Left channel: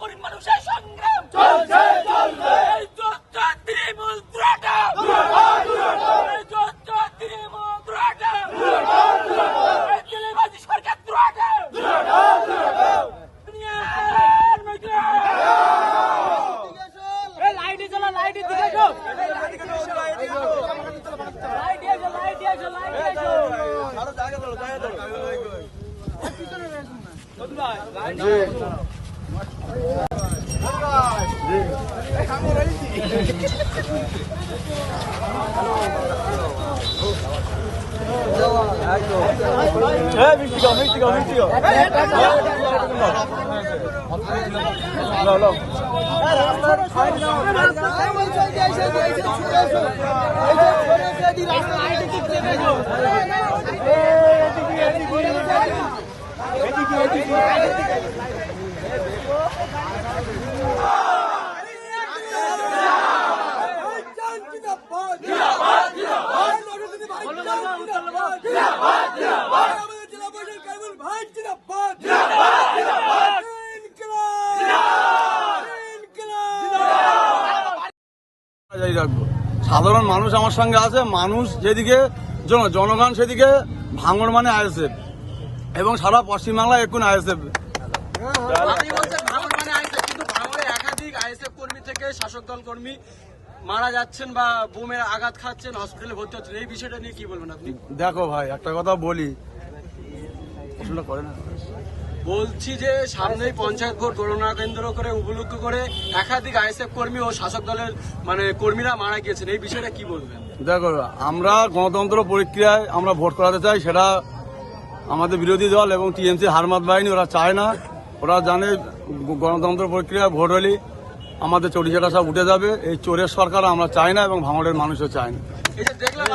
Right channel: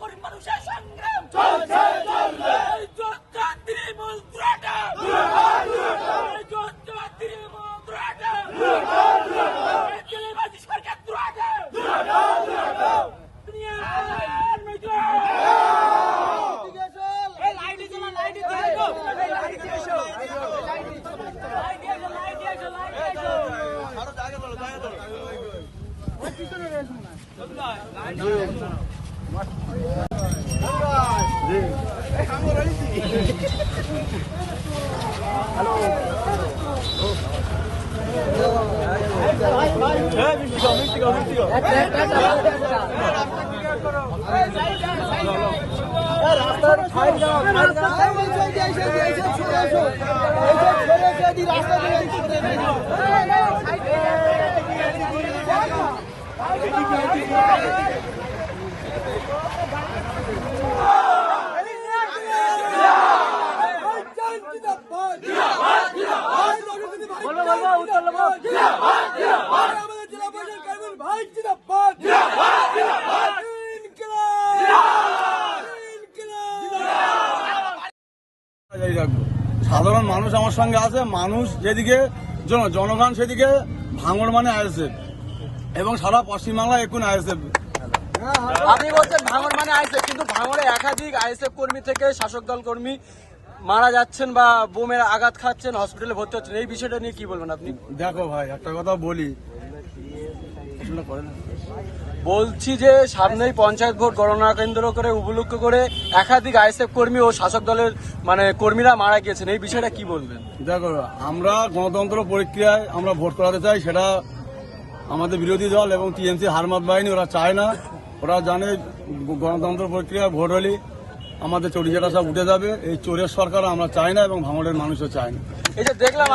গরিব মানুষের সংগ্রাম চলছে চলবে। এই যত তৃণমূল ত্রাটা এই যত তৃণমূল ত্রাটা এই তেলেবাজি সরকার ত্রাটা দুনিয়ার মধ্যে এই লাইটে জ্বালা লাইটে দিয়ে দাও সাধারণ মানুষ আমার সঙ্গে আছে। মানুষ যেদিকে জনগণ সেদিকে ভাঙড় মানে আইএসএফ এবং সারা পশ্চিমবাংলায় এখন আইএসএফ। আপনি বলছেন ভাঙড় মানে আইএসএফ, কিন্তু ভাঙড়ে একাধিক আইএসএফ কর্মী থেকে শাসক দল কর্মী মারা যাচ্ছেন বা বোমের আঘাত খাচ্ছেন, হসপিটালে ভর্তি হচ্ছেন, এই বিষয়টা নিয়ে কি বলবেন আপনি? দেখো ভাই, একটা কথা বলি, প্রশ্নটা করেন। বলছি যে সামনেই পঞ্চায়েত ভোট গণনা কেন্দ্র করে উপলক্ষ করে একাধিক আইএসএফ কর্মী ও শাসক দলের কর্মীরা মারা গিয়েছেন, এই বিষয়টা কি বলবেন? দেখো, আমরা গণতন্ত্র প্রক্রিয়ায় আমরা ভোট করাতে চাই, সেটা আমাদের বিরোধী দল এবং টিএমসি হারমাত বাহিনী ওরা চায় না। ওরা জানে গণতন্ত্র প্রক্রিয়ায় ভোট হলে আমাদের চোরিচাটা সব উঠে যাবে। এই চোরের সরকার আমরা চাই না এবং ভাঙড়ের মানুষও চায় না। এই যে দেখলাম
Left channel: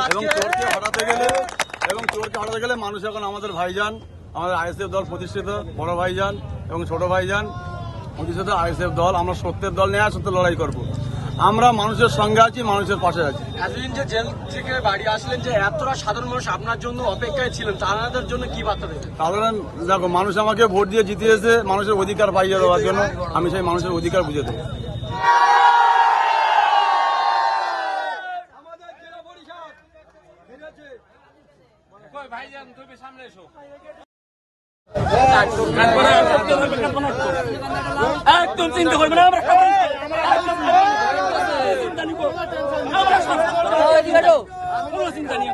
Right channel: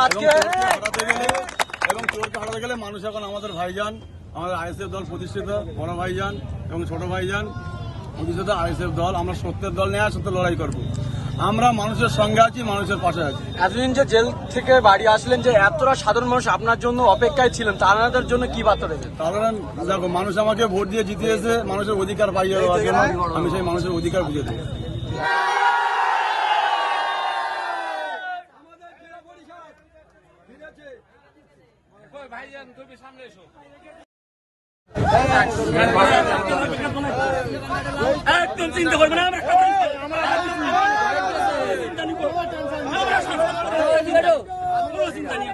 এবং চোরকে হটাতে গেলে মানুষ এখন আমাদের ভাইজান, আমাদের আইএসএফ দল প্রতিষ্ঠিত বড় ভাইজান এবং ছোট ভাইজান প্রতিষ্ঠিত আইএসএফ দল, আমরা সত্যের দল নিয়ে সত্য লড়াই করব। আমরা মানুষের সঙ্গে আছি, মানুষের পাশে আছি। এতদিন যে জেল থেকে বাড়ি আসলেন, যে এতটা সাধারণ মানুষ আপনার জন্য অপেক্ষায় ছিলেন, তাদের জন্য কি বার্তা দেবেন? কারণ দেখো, মানুষ আমাকে ভোট দিয়ে জিতিয়েছে মানুষের অধিকার পাইয়ে দেওয়ার জন্য। আমি সেই মানুষের অধিকার বুঝে দেবো। ভাইজান তুমি সামনে এসো। একদম চিন্তা করবে না, আমরা চিন্তা নেই।